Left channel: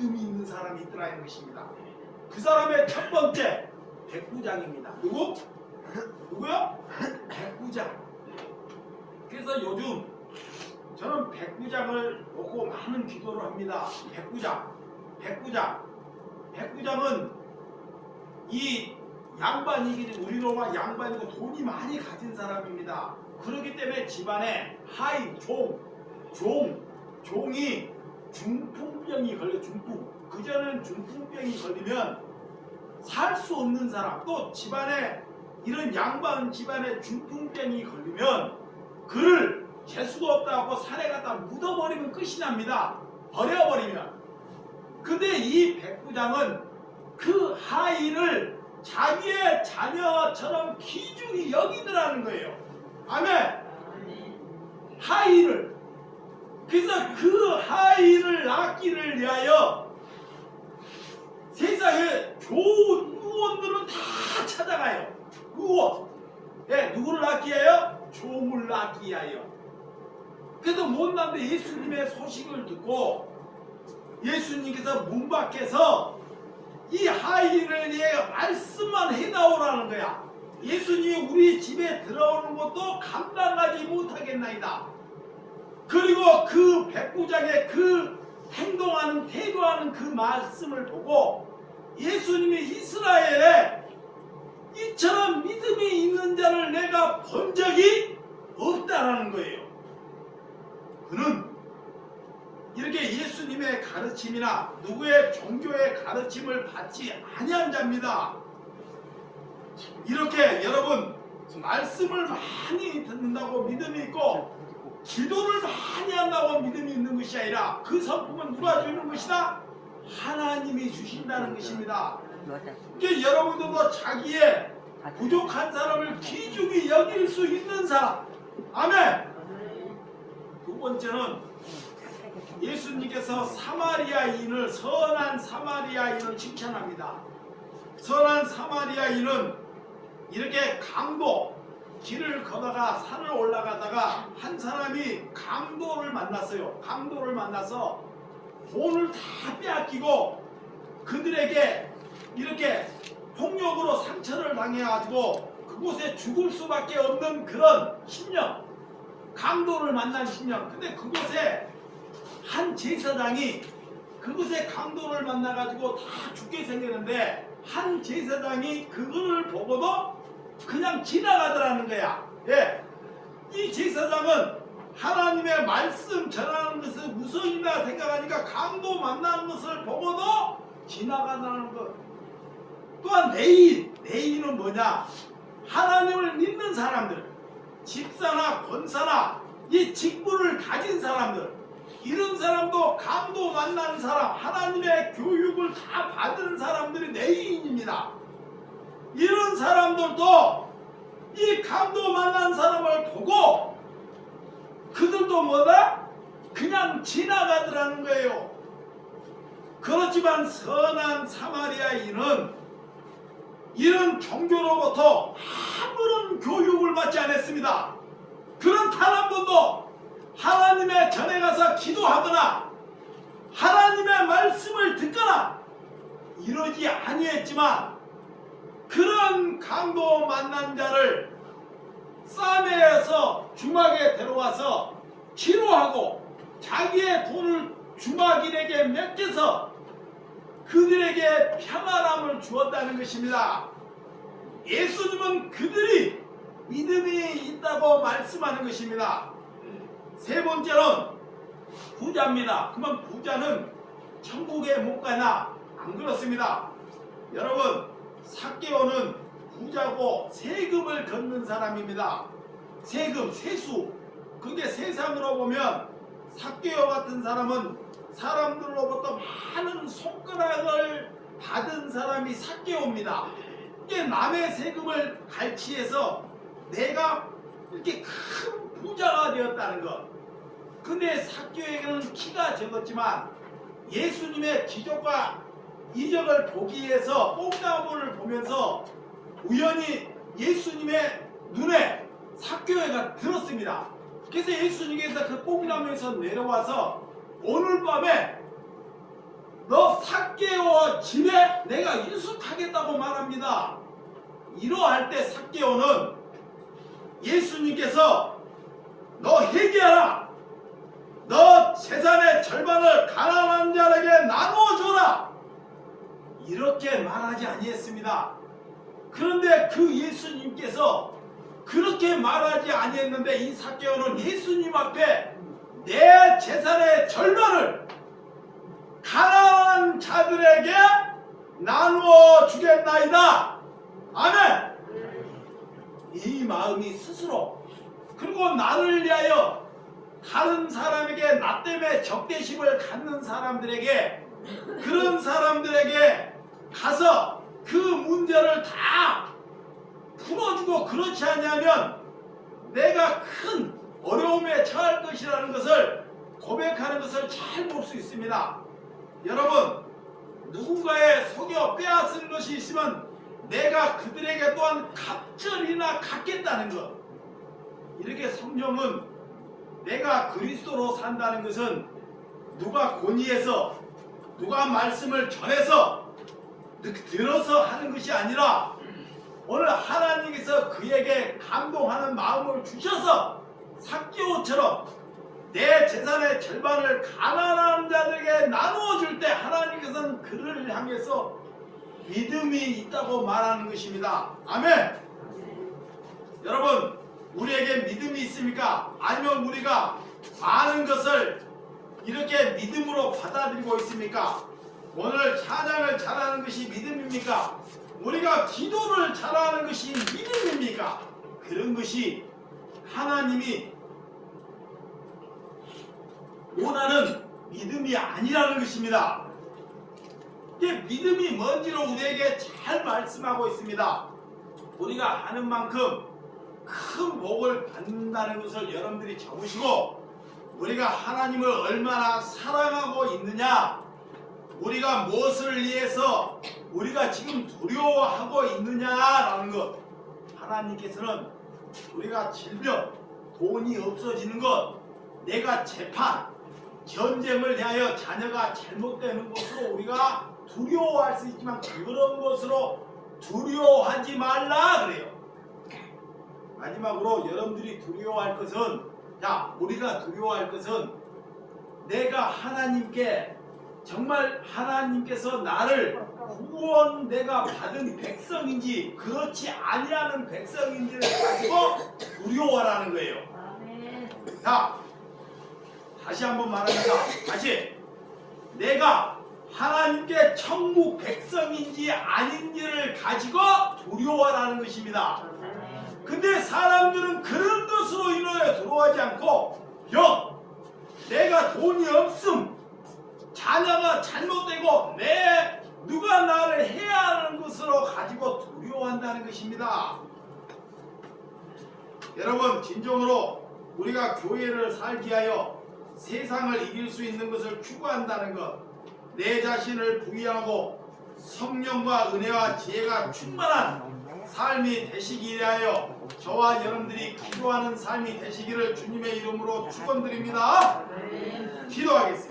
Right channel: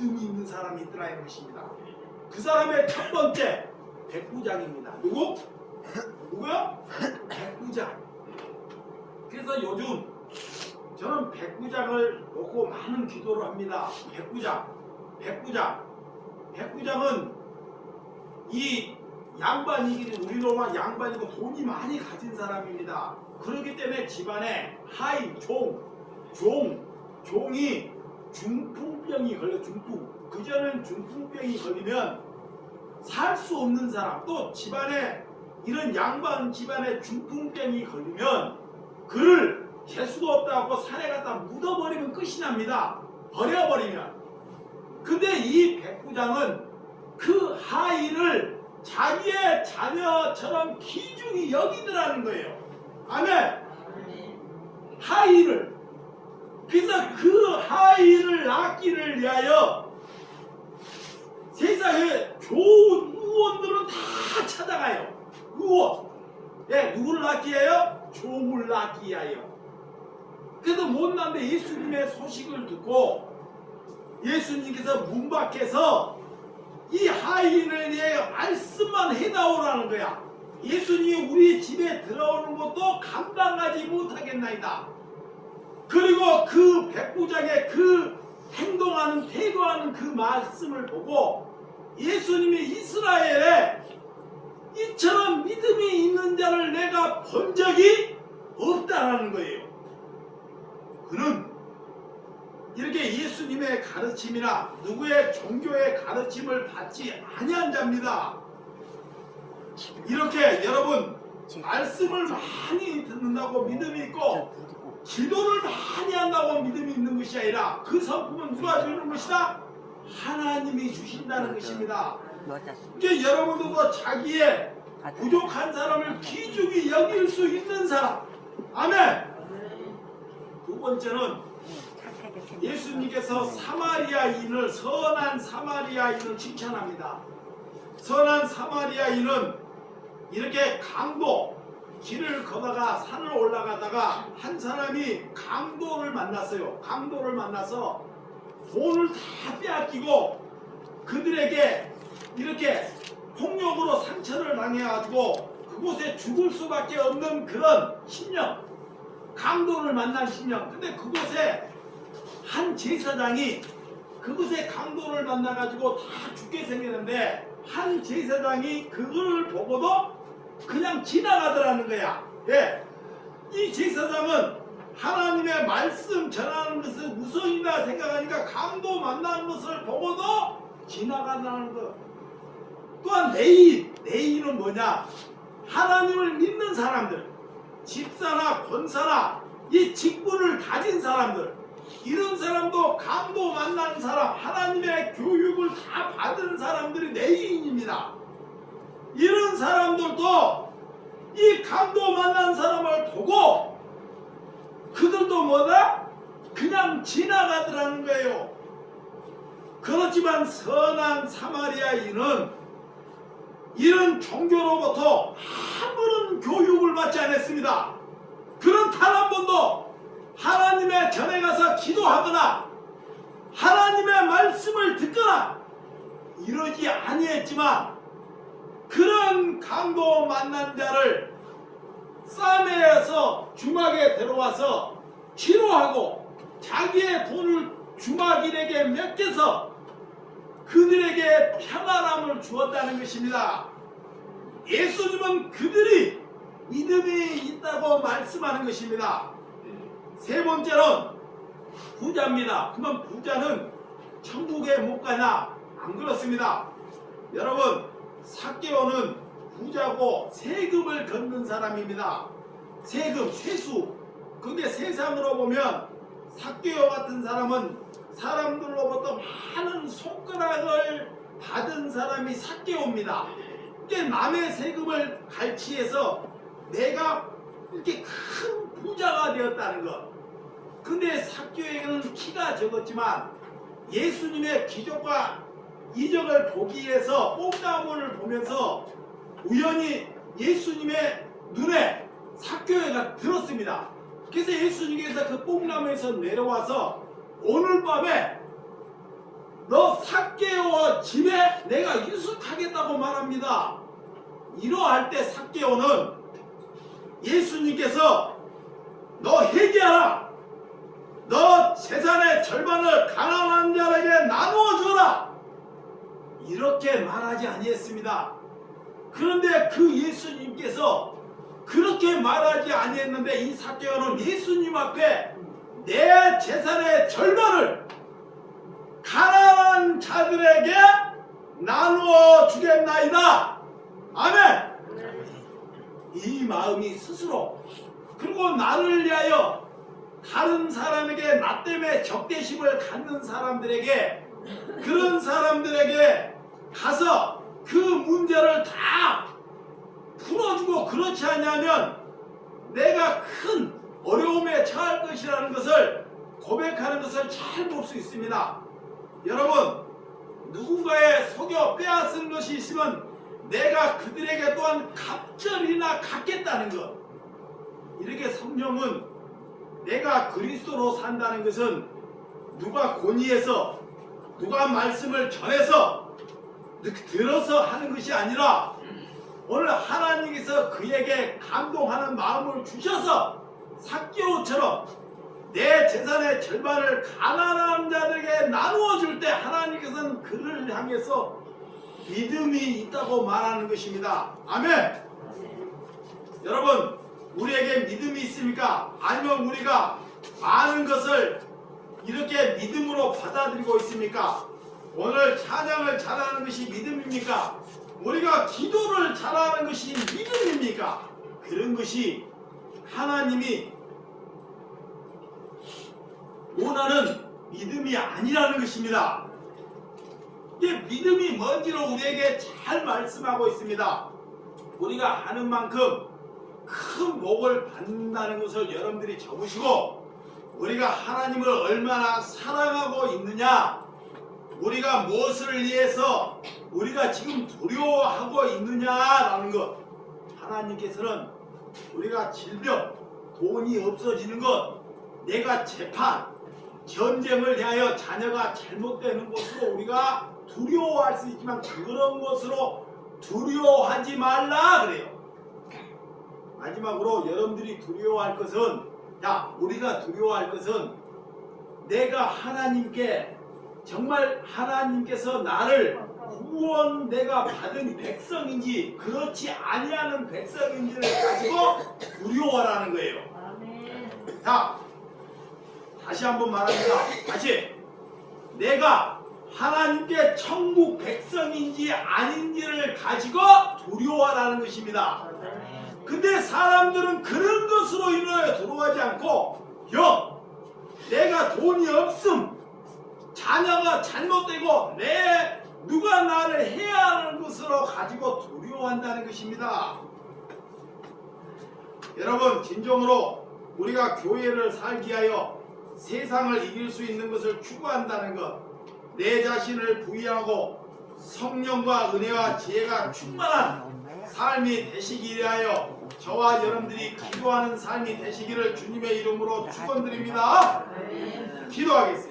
믿음이 있는 사람이 있더라는 것입니다. 그 사람의 첫 번째 백부장입니다. 누구요? 백부장. 그래서 요즘 저는 백부장을 놓고 많은 기도를 합니다. 백부장은 이 양반이기, 우리 로마 양반이고 돈이 많이 가진 사람입니다. 그렇기 때문에 집안에 하인, 종이 중풍병이 걸려. 그전에는 중풍병이 걸리면 살 수 없는 사람, 또 집안에 이런 양반 집안에 중풍병이 걸리면 그를 재수도 없다고 산에 갖다 묻어버리면 끝이 납니다. 버려버리면. 근데 이 백부장은 그 하인을 자기의 자녀처럼 귀중히 여기더라는 거예요. 아멘. 하인을. 그래서 그 하인을 낳기를 위하여 세상에 좋은 의원들은 다 찾아가요. 의원. 네, 누구를 낳기 위하여? 종을 낳기 위하여. 그래도 못난데 예수님의 소식을 듣고 예수님께서 문 밖에서 이 하인을 위하여 말씀만 해나오라는 거야. 예수님이 우리 집에 들어오는 것도 감당하지 못하겠나이다. 그리고 그 백부장의 그 행동하는, 태도하는 그 말씀을 보고 예수님이 이스라엘에 이처럼 믿음이 있는 자를 내가 본 적이 없다라는 거예요. 그는 이렇게 예수님의 가르침이나 누구의 종교의 가르침을 받지 아니한 자입니다. 이렇게 여러분 말씀을 많이 듣는다고 믿음이 있고 기도를 많이 한다고 믿음이 있는 것이 아니라 그 성품은 누가 주는 것이다? 하나님이 주신다는 것입니다. 그러니까 여러분들도 자기의 부족한 사람을 귀중히 여길 수 있는 사람. 아멘. 두 번째는 예수님께서 선한 사마리아인을 칭찬합니다. 선한 사마리아인은 이렇게 길을 걷다가 산을 올라가다가 한 사람이 강도를 만났어요. 강도를 만나서 돈을 다 빼앗기고 그들에게 이렇게 폭력으로 상처를 당해가지고 그곳에 죽을 수밖에 없는 그런 심령, 강도를 만난 심령. 근데 그곳에 한 제사장이 그곳에 강도를 만나가지고 다 죽게 생겼는데 한 제사장이 그거를 보고도 그냥 지나가더라는 거야. 예. 이 제사장은 하나님의 말씀 전하는 것을 우선이다 생각하니까 강도 만나는 것을 보고도 지나가더라는 것. 또한 내인은 뭐냐? 하나님을 믿는 사람들, 집사나 권사나 이 직분을 가진 사람들, 이런 사람도 강도 만난 사람, 하나님의 교육을 다 받은 사람들이 내인입니다. 이런 사람들도 이 강도 만난 사람을 보고 그들도 뭐다? 그냥 지나가더라는 거예요. 그렇지만 선한 사마리아인은 이런 종교로부터 아무런 교육을 받지 않았습니다. 그런 단 한 번도 하나님의 전에 가서 기도하거나 하나님의 말씀을 듣거나 이러지 아니했지만 그런 강도 만난 자를 싸매어서 주막에 들어와서 치료하고 자기의 돈을 주막인에게 맡겨서 그들에게 평안함을 주었다는 것입니다. 예수님은 그들이 믿음이 있다고 말씀하는 것입니다. 세 번째는 부자입니다. 그러면 부자는 천국에 못 가나? 안 그렇습니다. 여러분, 삭개오는 부자고 세금을 걷는 사람입니다. 세금, 세수. 그게 세상으로 보면 삭개오 같은 사람은 사람들로부터 많은 손가락을 받은 사람이 삭개오입니다. 이게 남의 세금을 갈취해서 내가 이렇게 큰 부자가 되었다는 것. 근데 삭개오에게는 키가 적었지만 예수님의 기적과 이적을 보기 위해서 뽕나무를 보면서 우연히 예수님의 눈에 삭개오가 들었습니다. 그래서 예수님께서 그 뽕나무에서 내려와서 오늘 밤에 너 삭개오 집에 내가 유숙하겠다고 말합니다. 이러할 때 삭개오는 예수님께서 너 회개하라. 너 재산의 절반을 가난한 자에게 나누어 주라. 이렇게 말하지 아니했습니다. 그런데 그 예수님께서 그렇게 말하지 아니했는데 이 삭개오는 예수님 앞에 내 재산의 절반을 가난한 자들에게 나누어 주겠나이다. 아멘. 이 마음이 스스로 그리고 나를 위하여 다른 사람에게 나 때문에 적대심을 갖는 사람들에게 그런 사람들에게 가서 그 문제를 다 풀어주고 그렇지 않냐면 내가 큰 어려움에 처할 것이라는 것을 고백하는 것을 잘 볼 수 있습니다. 여러분, 누군가의 속여 빼앗은 것이 있으면 내가 그들에게 또한 갑절이나 갚겠다는 것. 이렇게 성령은 내가 그리스도로 산다는 것은 누가 권위해서 누가 말씀을 전해서 들어서 하는 것이 아니라 오늘 하나님께서 그에게 감동하는 마음을 주셔서 삭개오처럼 내 재산의 절반을 가난한 자들에게 나누어 줄 때 하나님께서는 그를 향해서 믿음이 있다고 말하는 것입니다. 아멘. 여러분, 우리에게 믿음이 있습니까? 아니면 우리가 많은 것을 이렇게 믿음으로 받아들이고 있습니까? 오늘 찬양을 잘하는 것이 믿음입니까? 우리가 기도를 잘하는 것이 믿음입니까? 그런 것이 하나님이 원하는 믿음이 아니라는 것입니다. 이게 믿음이 뭔지를 우리에게 잘 말씀하고 있습니다. 우리가 하는 만큼 큰 복을 받는다는 것을 여러분들이 적으시고 우리가 하나님을 얼마나 사랑하고 있느냐, 우리가 무엇을 위해서 우리가 지금 두려워하고 있느냐라는 것. 하나님께서는 우리가 질병, 돈이 없어지는 것, 내가 재판, 전쟁을 대하여 자녀가 잘못되는 것으로 우리가 두려워할 수 있지만 그런 것으로 두려워하지 말라 그래요. 마지막으로 여러분들이 두려워할 것은, 우리가 두려워할 것은 내가 하나님께 정말 하나님께서 나를 구원 내가 받은 백성인지 그렇지 아니하는 백성인지를 가지고 두려워하라는 거예요. 자, 다시 한번 말합니다. 다시, 내가 하나님께 천국 백성인지 아닌지를 가지고 두려워하라는 것입니다. 근데 사람들은 그런 것으로 인하여 두려워하지 않고, 내가 돈이 없음, 자녀가 잘못되고 누가 나를 해야 하는 것으로 가지고 두려워한다는 것입니다. 여러분, 진정으로 우리가 교회를 살기 위하여 세상을 이길 수 있는 것을 추구한다는 것, 내 자신을 부인하고 성령과 은혜와 지혜가 충만한 삶이 되시기 위하여 저와 여러분들이 기도하는 삶이 되시기를 주님의 이름으로 축원드립니다. 기도하겠습니다.